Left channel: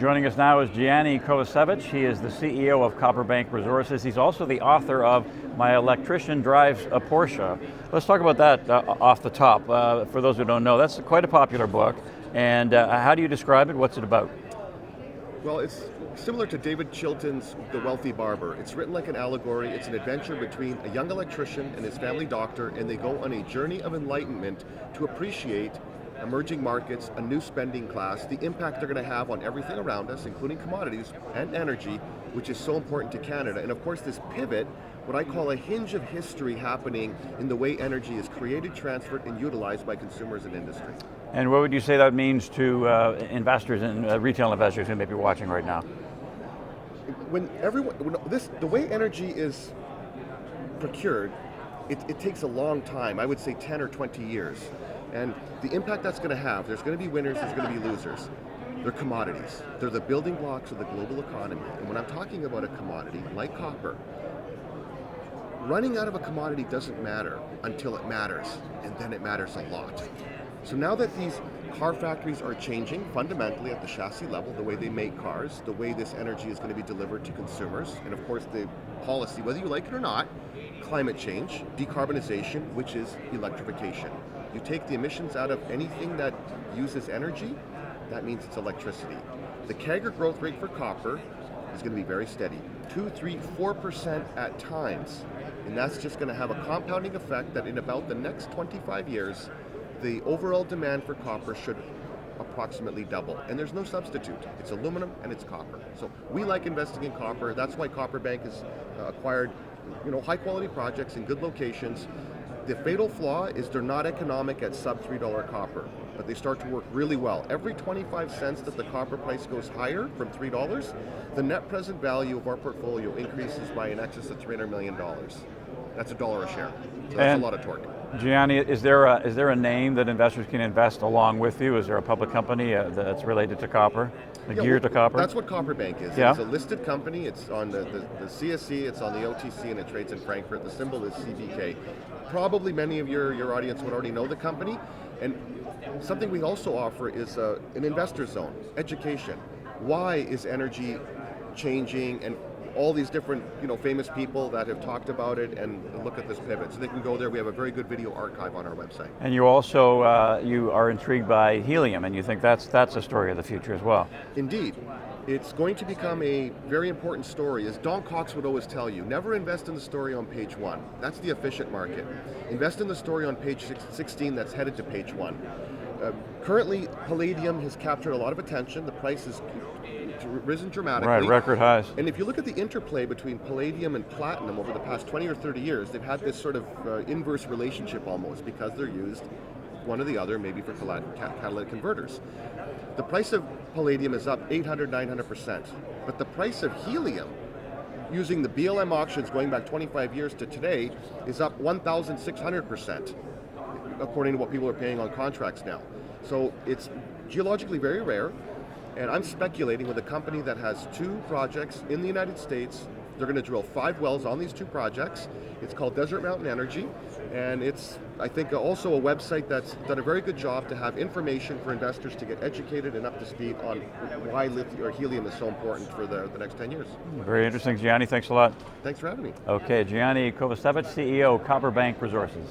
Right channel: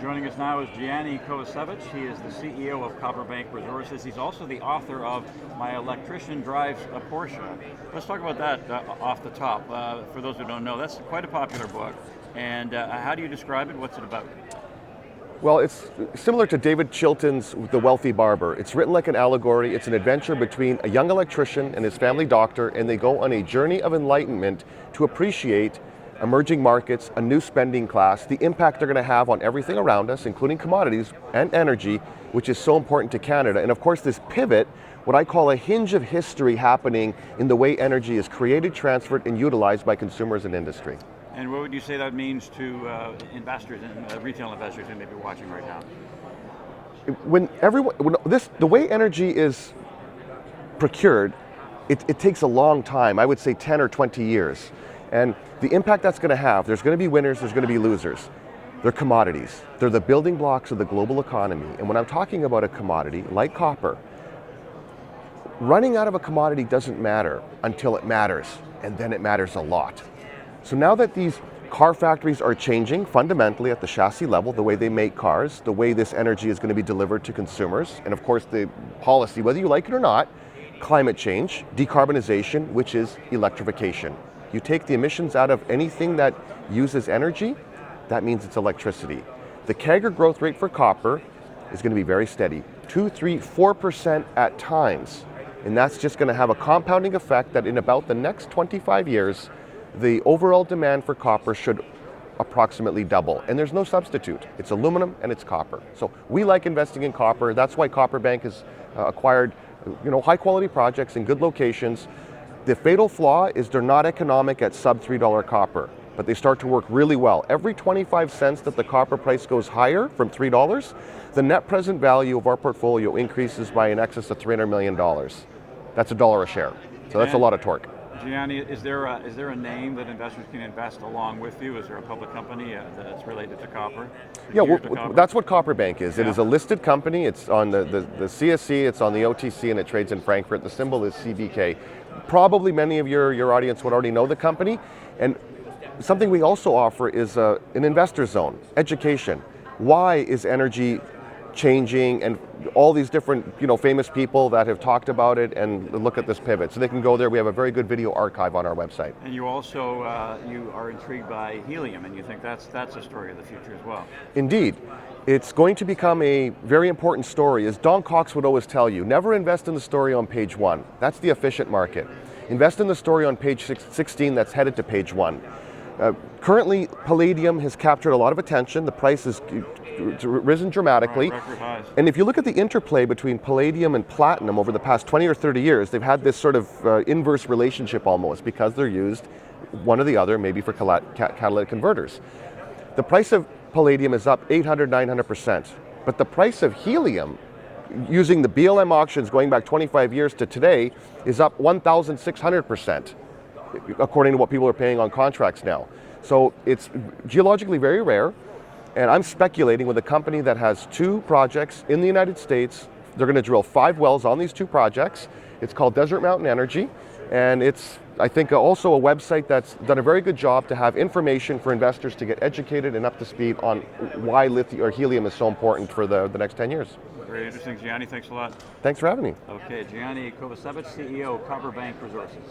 Joining us now is Gianni Kovacevic. He is the CEO of CopperBank Resources. He's also the author of My Electrician Drives a Porsche. Let's talk about that off the top. For those who don't know, that's quite a popular book. And how do you describe it? What's it about? Well, it's similar to David Chilton's The Wealthy Barber. It's written like an allegory. It's an adventure between a young electrician and his family doctor, and they go on a journey of enlightenment to appreciate emerging markets, a new spending class, the impact they're going to have on everything around us, including commodities and energy, which is so important to Canada. And of course, this pivot, what I call a hinge of history happening in the way energy is created, transferred, and utilized by consumers and industry. And what would you say that means to investors and retail investors who may be watching right now? The way energy is procured, it takes a long time. I would say 10 or 20 years. And the impact that's going to have, there's going to be winners, there's going to be losers. They're commodities. They're the building blocks of the global economy. And when I'm talking about a commodity like copper, running out of a commodity doesn't matter until it matters, and then it matters a lot. So now that these car factories are changing fundamentally at the chassis level, the way they make cars, the way this energy is going to be delivered to consumers, and of course the policy, whether you like it or not, climate change, decarbonization, which is electrification. You take the emissions out of anything that uses energy, that means it's electricity. The CAGR growth rate for copper is going to be very steady, 2, 3, 4% at times. And that's just going to have a compounding effect that in about the next 25 years, the overall demand for copper should approximately double. And there's no substitute. It's aluminum and it's copper. So we like investing in copper. That's why CopperBank has acquired high quality projects in good locations. The fatal flaw is they're not economic at sub $3 copper, but they start to work really well. Every 25 cents that the copper price goes higher from $3, the net present value of our portfolio increases by in excess of $300 million. That's $1 a share. So that's a lot of torque. Gianni, is there a name that investors can invest along with you? Is there a public company that's related to copper? To copper? That's what CopperBank is. Yeah. It is a listed company. It's on the CSE, it's on the OTC, and it trades in Frankfurt. The symbol is CBK. Probably many of your audience would already know the company. And something we also offer is an investor zone, education. Why is energy changing, and all these different famous people that have talked about it and look at this pivot. So they can go there. We have a very good video archive on our website. And you also you are intrigued by helium, and you think that's a story of the future as well. Indeed. It's going to become a very important story. As Don Cox would always tell you, never invest in the story on page 1. That's the efficient market. Invest in the story on page 16 that's headed to page 1. Currently, palladium has captured a lot of attention. The price has risen dramatically. Right, record highs. And if you look at the interplay between palladium and platinum over the past 20 or 30 years, they've had this sort of inverse relationship almost, because they're used one or the other, maybe for catalytic converters. The price of palladium is up 800, 900%. But the price of helium, using the BLM auctions going back 25 years to today, is up 1,600%, according to what people are paying on contracts now. So it's geologically very rare, and I'm speculating with a company that has 2 projects in the United States. They're going to drill 5 wells on these 2 projects. It's called Desert Mountain Energy, and it's, I think, also a website that's done a very good job to have information for investors to get educated and up to speed on why lithium or helium is so important for the next 10 years. Very interesting, Gianni. Thanks a lot. Thanks for having me. Okay, Gianni Kovacevic, CEO, CopperBank Resources.